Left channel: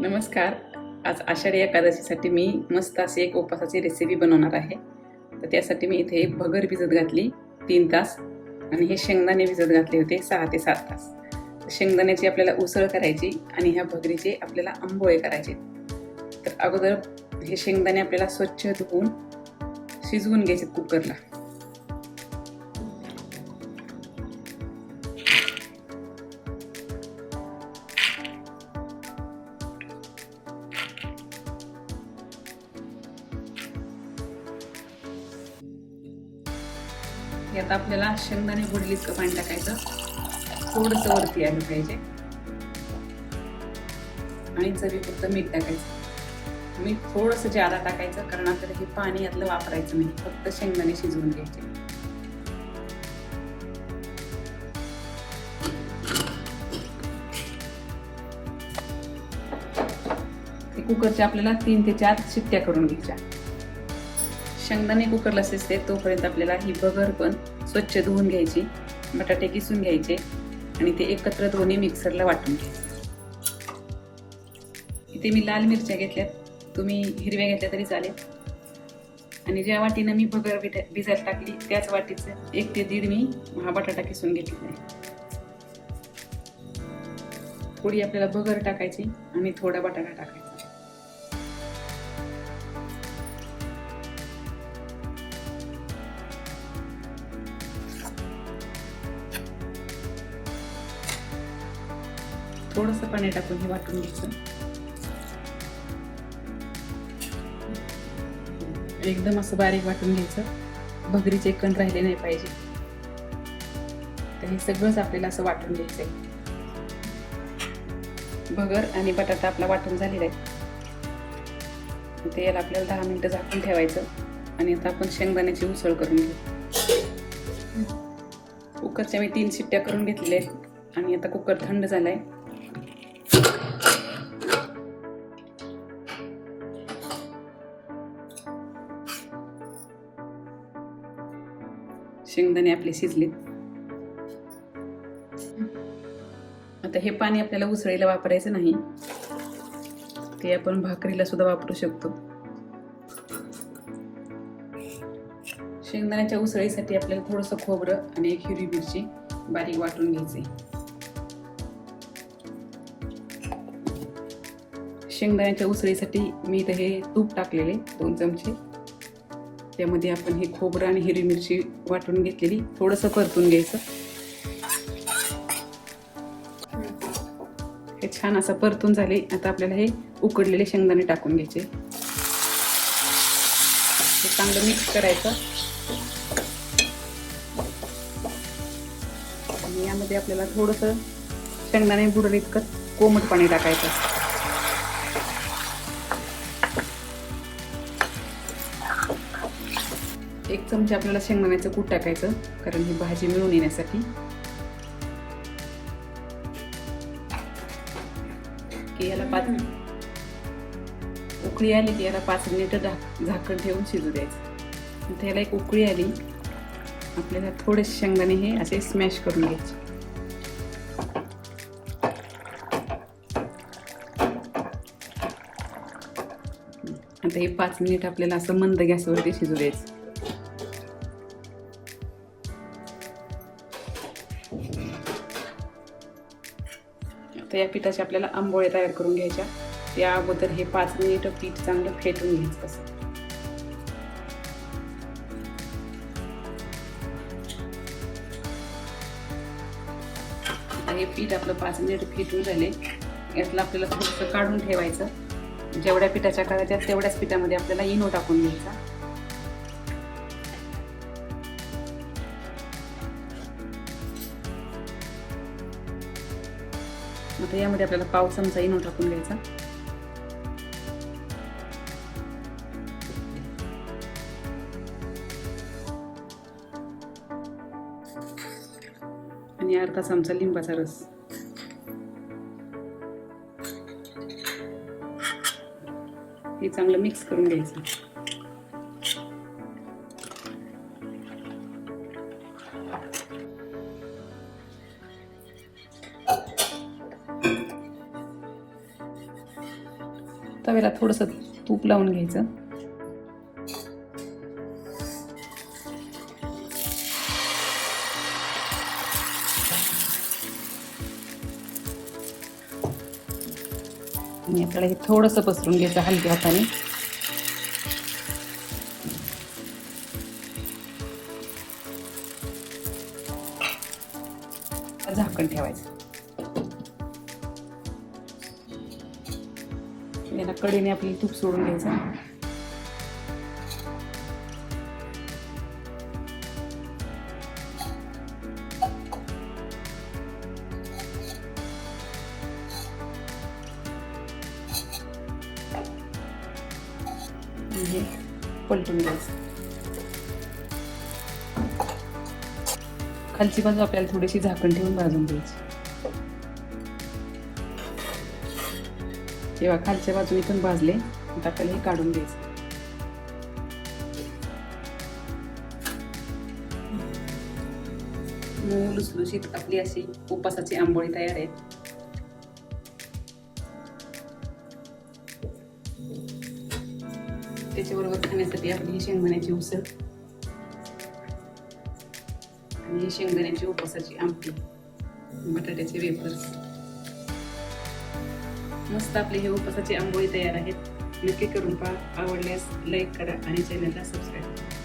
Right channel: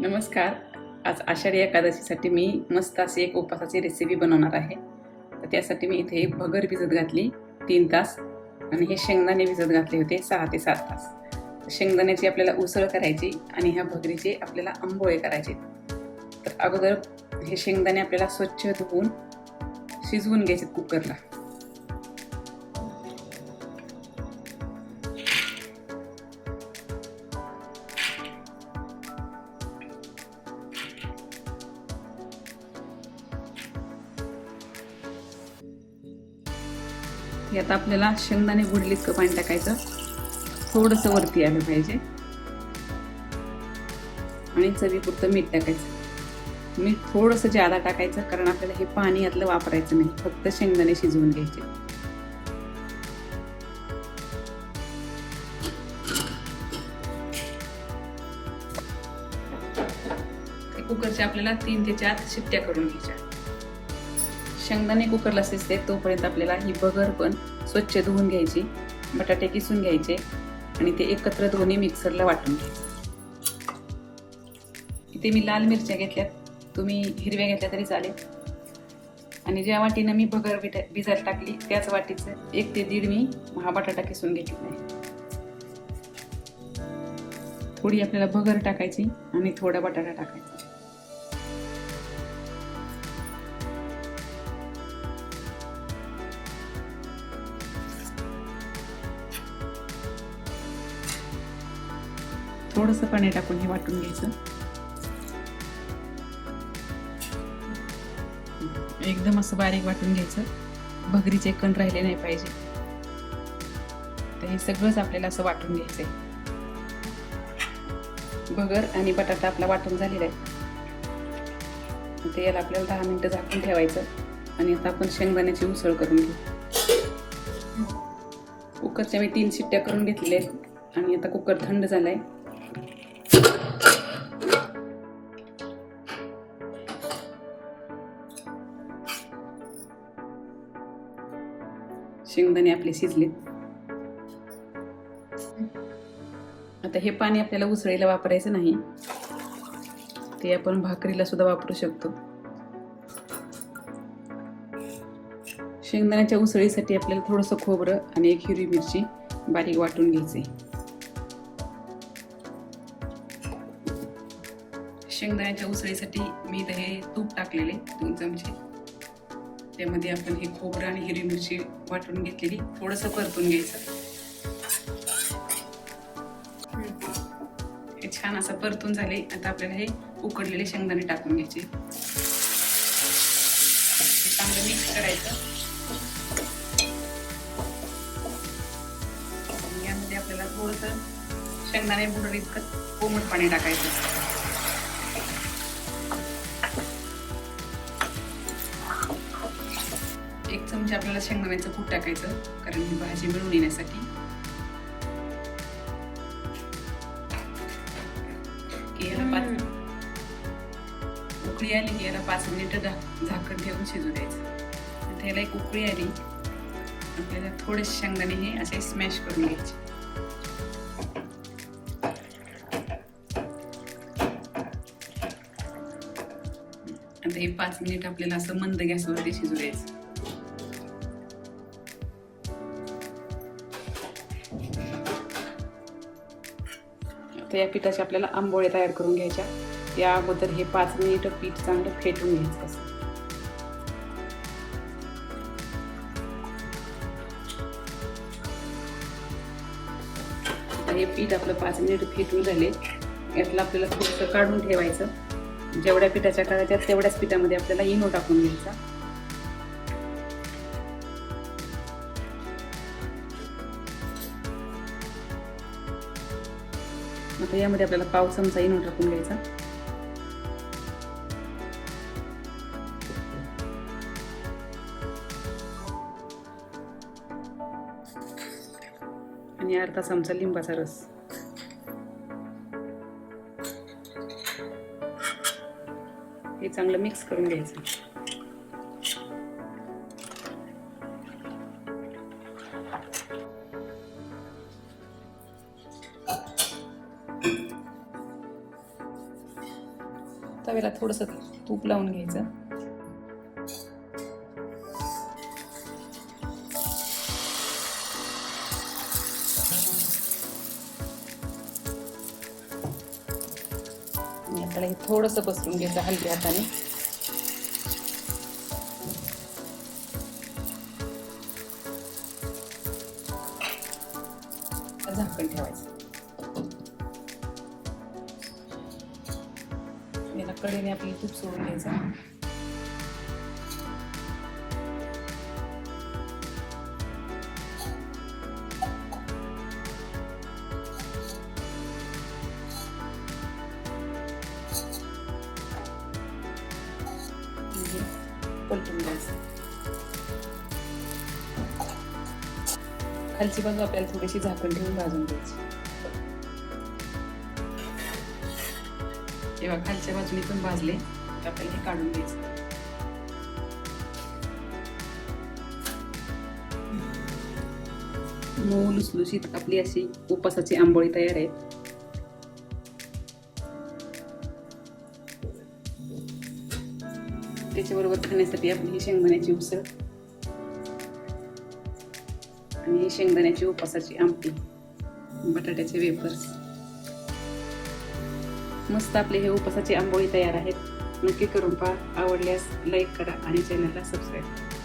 नमस्कार. आज आषाढी एकादशीसाठी मी मस्त अशी एक उपवासाची रेसिपी बनवणार आहे. तर त्यासाठी मी इथे भगर भिजत घातली तीन तास. आणि हे शेंगदाणे भिजत घातले होते सहा ते सात तास. शेंगदाण्याची आपल्याला उसळ करायची आणि ह्या भगरीचे आपल्याला आंबोळे करायचे. तर अगोदर हे शेंगदाणे आपल्याला स्वच्छ धुवून शिजवून घ्यायचे कुकरला. हे आता आपल्याला शेंगदाणे बुडले इतकं पाणी टाकायचं? थोडंसं वरती आलं पाहिजे. आणि चवीपुरतं मीठ टाकायचं. मीठ थोडंसं जादा टाकायचं कारण आपल्याला हे पाणी यातलं वापरायचं नाही. फक्त शेंगदाणे शिजवून घ्यायचे. ते कुकरच्या आपल्याला तीन ते चार शिट्ट्या करून घ्यायच्या. शेंगदाणे कुकरला शिजते तोपर्यंत आपल्याला ही बगर पण स्वच्छ धुवून घ्यायची बटाटे किसून घ्यायचे आणि ते एकत्र दोन्ही मिक्सरला वाटून इथे मी लाल मिरच्या घेतल्यात. तुम्ही हिरव्या घेतल्या तरी चालेल. आणि ज्या वाटीनं मी बगर भिजायला टाकली त्याच वाटीचं एक ते दीड मी हा बटाटा किसून घेतलेला थोडी आपल्याला बगर टाकायची आणि थोडा बटाटा टाकायचा. थोडंसं पाणी टाकून हे वाटून घ्यायचं. एकदम असं बारीक वाटून घ्यायचं. भगरीचे कण राहिले नाही पाहिजे. तर हे सगळंच आपल्याला असं वाटून घ्यायचंय. भगर आणि बटाटा आपला वाटून झालेला आहे ते याला आपल्याला दहा मिनिटं झाकून ठेवायचं. आणि आता आपण शेंगदाण्याची उसळ करून घेऊ. कुकरच्या मी तीन शिट्ट्या करून घेतलेल्या आहेत. आणि आता कुकर थंड झालाय. शेंगदाणे आपले शिजले. आता हे पाणी आपल्याला उसळीला वापरायचं नाही. ते आपण भाकरीला सुद्धा वापरू शकतो. शेंगदाण्याच्या उसळीसाठी आपल्याला थोडंसं खोबरं आणि एक हिरवी मिरची बारीक वाटून घ्यायची. शेंगदाण्याच्या उसळीसाठी मी इथं हे तूप टाकलेले दोन चमचे. त्यामध्ये आपण हे खोबरं आणि हिरवी मिरची वाटून घेतलेली. थोडंसं परतून घ्यायचं. हे छान असं परतून झाले. आता आपल्याला हे उकडलेले शेंगदाणे टाकून घ्यायचे. हे चांगलं मिक्स करायचं. यामध्ये आपल्याला थोडंसं शेंगदाणे बुडलं इतकं कोमट पाणी टाकायचं. एक चमचा आपल्याला शेंगदाण्याचं कूट टाकायचं कारण ही भाजी मिळून येण्यासाठी. याला उकळी आली की याला पाच मिनिटं झाकण ठेवून शिजू द्यायचं. आणि त्याला एक उकळी आली. आपल्याला थोडे शेंगदाणे हे असे स्मॅश करून घ्यायचे. आता हे पाच मिनिट आपल्याला असं मंद गॅसवरती शिजू द्यायचं. तर या पिठाच्या आपल्याला आंबोळ्या तयार करून घ्यायच्या. त्या अगोदर हे पाच मिनिट पीठ चांगलं फेटून घ्यायचं असं. हे पीठ आपलं पाच मिनिट फिटून झाले. यातलं आपल्याला थोडंसं काढून ठेवायचं. जेवढ्या पिठाच्या काढायच्या तेवढ्याच पिठामध्ये आपल्याला इनो टाकून घ्यायचा. आता यामध्ये आपल्याला पाव चमचा इनो टाकून घ्यायचा. आणि अर्धा चमचा लिंबाचा रस. हे चांगलं मिक्स करून घ्यायचं. तव्याला थोडंसं तूप लावून घ्यायचं. आणि आपल्याला हे थोडंसं पसरून घ्यायचं हलक्या हाताने. झाकण ठेवायचं. कडेने आपली तूप सोडून म्हणजे घ्यायचं पलटून द्यायचं खालची बाजू आपल्याला थोडीशी झाकण ठेवून भाजून घ्यायची. तेव्हा खालच्या बाजूने पण भाजले आता आपल्याला हे काढून घ्यायचं. मऊ लुसलुशीत आपली अशी उपासाची आंबोळी तयार आहे. त्याच्याबरोबर खाण्यासाठी आपली ही शेंगदाण्याची उसळ आणि शेंगदाण्याची उपासाची आमटी बटाट्याचे वेफर्स. मस्त आपले हे उपासाची आंबोळी तयार आहेत. नक्की करून पहा. आवडल्यास लाईक करा आणि चॅनलला सबस्क्राईब करा.